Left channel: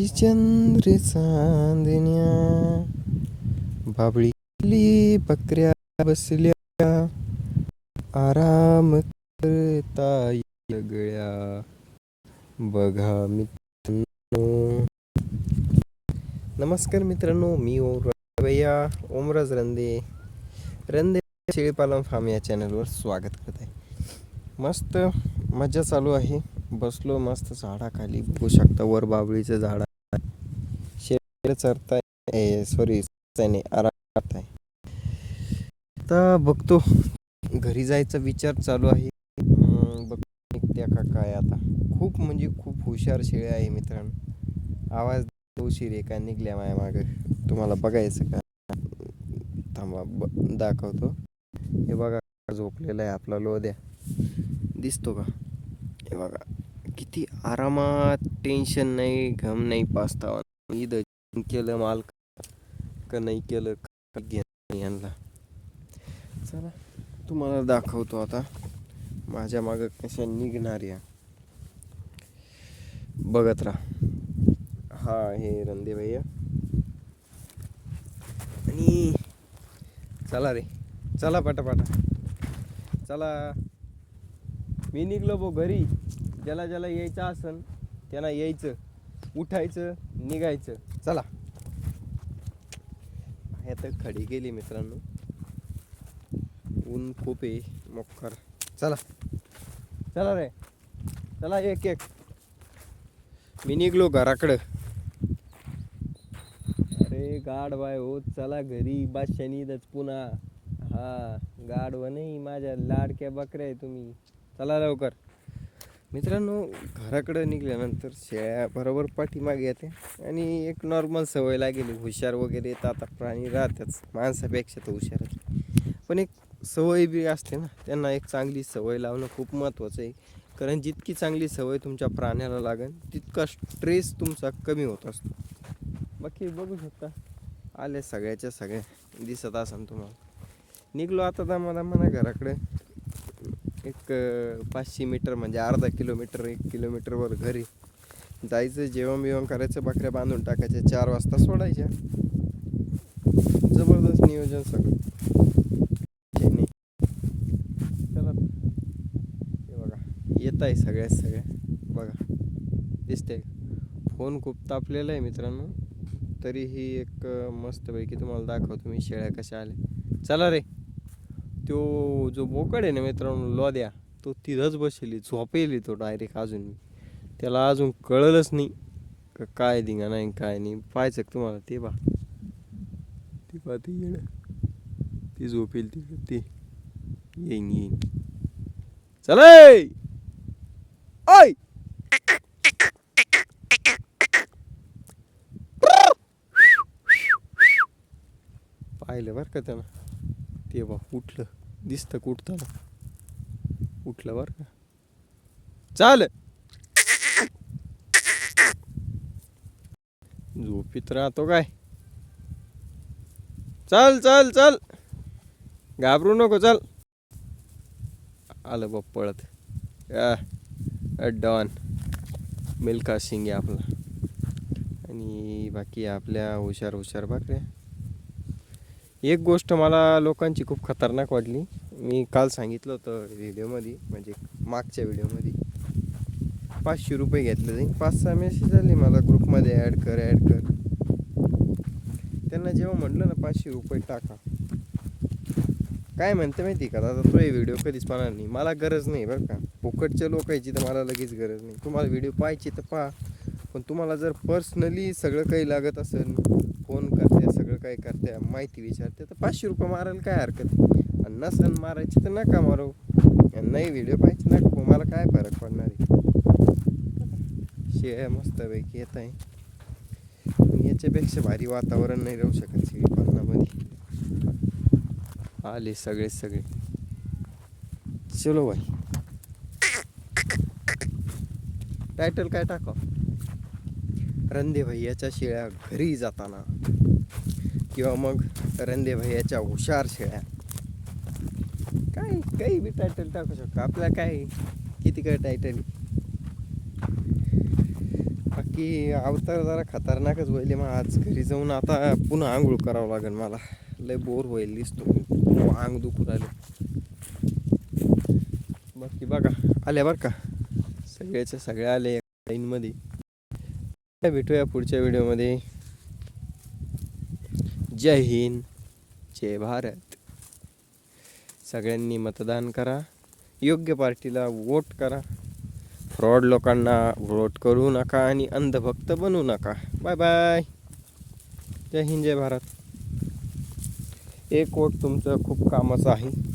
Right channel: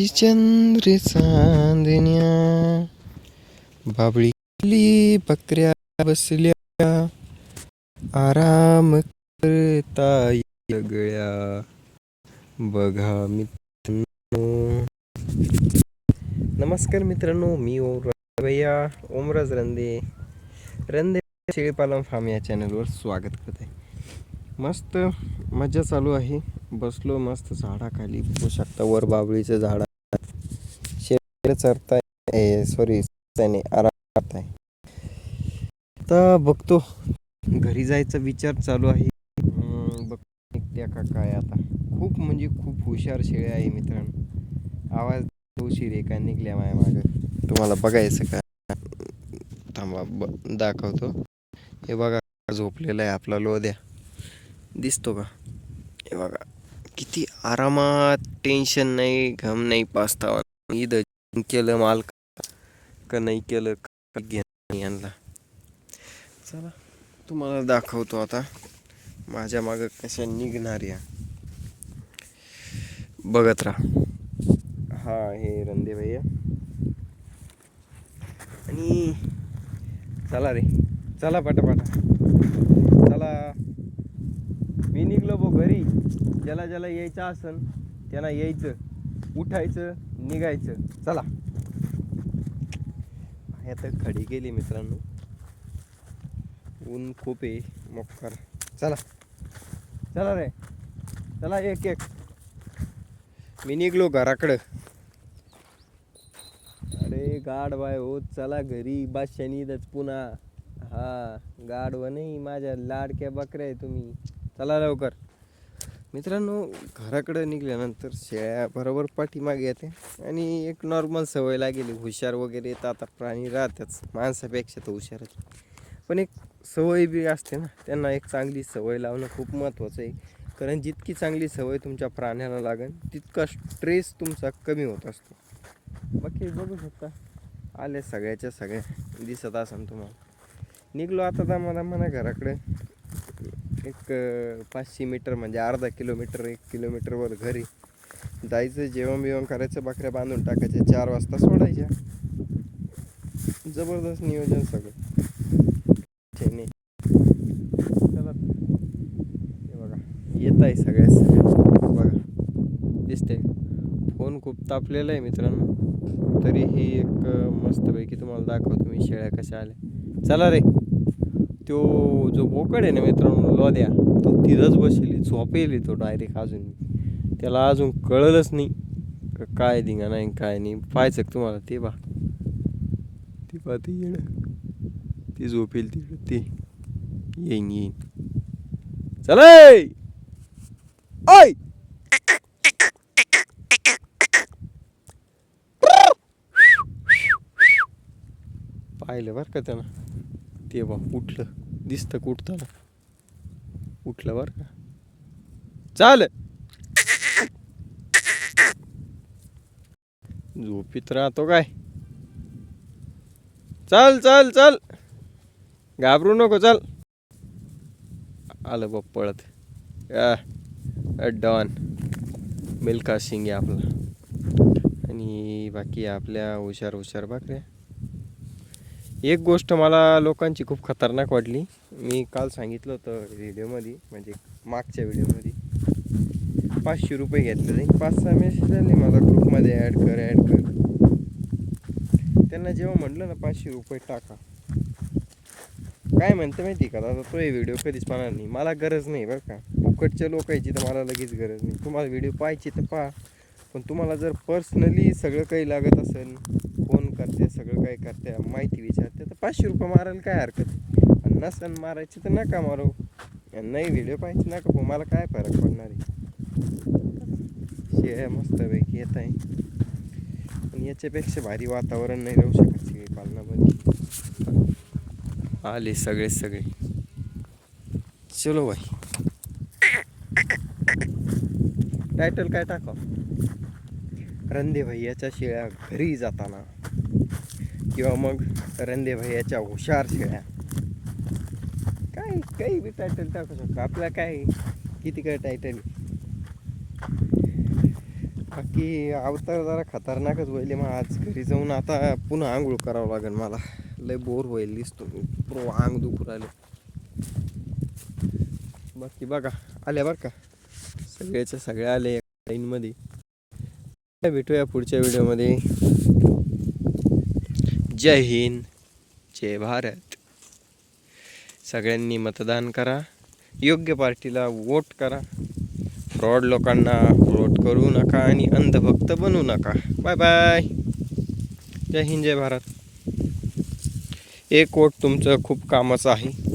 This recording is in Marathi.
आकाशी चंद्र चांदण्या बाबळी बकऱ्या बसल्या आराम करता गळ्या बघा मित्रांनो. नमस्कार मित्रांनो मी ओम भैया ओमराज रंदे. रंदे शेळीपालन फार्म या चॅनलवर स्वागत करत. आहे मस्त मजा चालू आहे. बसलो मस्त झाडाखाली. बघू शकता वर बाबळीचं झाड चरता शेळी चरताय सॉरी आराम करताय तर बघतो घरी जायचा विचार चालू आहे. बघ त्या का काय आता? खूप म्हणजे खूप हुशार शेळ्या आहे मित्रांनो. आवाज उशीर आहे का? निघल्या माझ्या मागे. तुम्हाला बघायचं का? थांबा ब दाखवतो. हे बघा झोपलेला आहे आपला लोद्या. दिसतो का? हे बघा किती आरामात टेन्शन नाही घम नाही पास्तावा इथं केलं माल का नाही केलं का घेणं यांना. चला तुम्हाला दाखवतो आता. माझ्या मागं कशा निघणार या. बघत राहा. हा हे रंदे भैया. आणि चला रे. चला पटापटा. चला. मी निघलो बो घरी. ज्याला ज्याला यायचं असन त्यांना यायचं. उठायचं निघायचं. चला. हे तर खडी गेली मित्रांनो. ऊन खूप आहे मोक्कर चला. चला रे. चला एक एक. मी निघलो घराकडं. अरे गाढवाय हो चला घरी. बादशानीदच पुन्हा. हा गाढवा नाही माझ्या लाडक्या बकऱ्या आहे तुम्ही. चला लवकर. मित्रांनो घराकडं निघाल्यानंतर शेळ्या बरोबर पाठीमागे येते आणि एक नॉर्मल सवय लागेली. हुशार वगैरे येतात आता प्राणी राहतेच माणसापेक्षा तर हुशार पण एक सवय बी असते ना त्यांना एक चांगली सवय लावणं खूप महत्त्वाचं आहे. कारण जितकी चांगली सवय तुमच्या प्राण्याला लागेल तितका स्ट्रेस तुमचा कमी होत असतो. बाकी बघू शकता आले सगळ्याच्या सगळ्या. दिसत असन तुम्हाला. निघलो आता दमा म्हणा घराकडे. एक पाचशे मीटर म्हणजे अर्धा किलोमीटर एक किलोमीटरवर घरी. जायचं जेवण बिवण करायचं बकऱ्या बांधून टाकायच्या चार वाजता सोडायच्या. जबरदस्त नियोजन सगळं. नाही चला. हे बघा येत आहे सगळ्याच बघा दिसते फोन खूप तापलेला आहे मित्रांनो. तरीही एक मस्तपैकी तुम्हाला दाखवतो मी शेळ्या कशा आल्या. चला रे. तो जो बोकड आहे ना मित्रांनो लोद्या तो तिथंच बसेल झोपेली तो डायरेक्ट अजून. त्याला अजून कळलंच नाही का काय दिंगा नाही काय नाही. पाहायचं तुम्हाला? ते बा ते पा ते येणं. ती झोपेल ती ते. येईन येईन. चला ओय पाहिलं बरं का त्यानं? ते बा उठलं. दिसतं का उठलं बरं का? चाल. झोपीत राहतो काय? चल चल चल. घाबरू नको चल. आलं बा पळत. डॉन. मिल्खा सिंग आहे आपला. आणि बाकी आपल्या हुशार हुशार बाकऱ्या. एक गोष्ट मला लोकांची खूप खतरनाक वाटली. मी काल सांगितलं होतं व्हिडिओमध्ये म्हणजे मागच्या व्हिडिओमध्ये. पाचशे रुपये घेतले पाच सहा मेसेज आले मला ग्रुपमध्ये ॲड कर ॲड कर. त्यांना जेव्हा म्हटलं ना पाचशे रुपये टाका. काय म्हणते माहिती का? दादा तो हे व्हिडिओ कधीच पाहणार नाही. मला गरज नाही बरं का. फुकटच्या लोकांची तर मला लगेच गरज नाही. तुम्हाला व्हिडिओ पाहायची तर पहा. पण तुम्हाला जर पर्सनली सगळं काही लागत असेल सगळं काय करते माहिती विचारते. तर पाचशे रुपये मारायला काय हरकत आणि नसन मारायची तर नका मारू. नाही व्हिडिओ पाहिजे नका पाहू. मला काय फरक पडणार आहे? शेळ्या मस्तपैकी येत आहे. पण याच्यापेक्षा भारी वातावरण नाही राहू शकत शेळी पालनामध्ये आले सगळे सगळे. चलो भाई. टायटल काय टाका रंदे भैयाच्या शेळ्या घरी जाताना. किंवा मग रंदे भैयाच्या हुशार शेळ्या. काय काही बी टायटल टाकू शकतो. आपल्या काय किती काय टायटल बाकी अवतार जरा खतरनाकच होईल मग आज घरी जाऊन आता पुन्हा आंघोळ करावं लागेल मला. लय बोर होईल दिसतो आंग हो, दुखू राहिले. बाकी बघा आले बरं का? सगळ्याच्या सगळ्या आले लाईनमध्ये भेटूया पुढच्या व्हिडिओमध्ये जय हिंद जय भारत. सगळ्यांनी मतदान करा योग्य पार्टीला वोट करा. फ्रॉड लोकांना वोट करू नका आणि अंधभक्त बनू नका. बाय बाय जय हिंद जय भारत. एक वोट तुमचं खूप कामाचं आहे.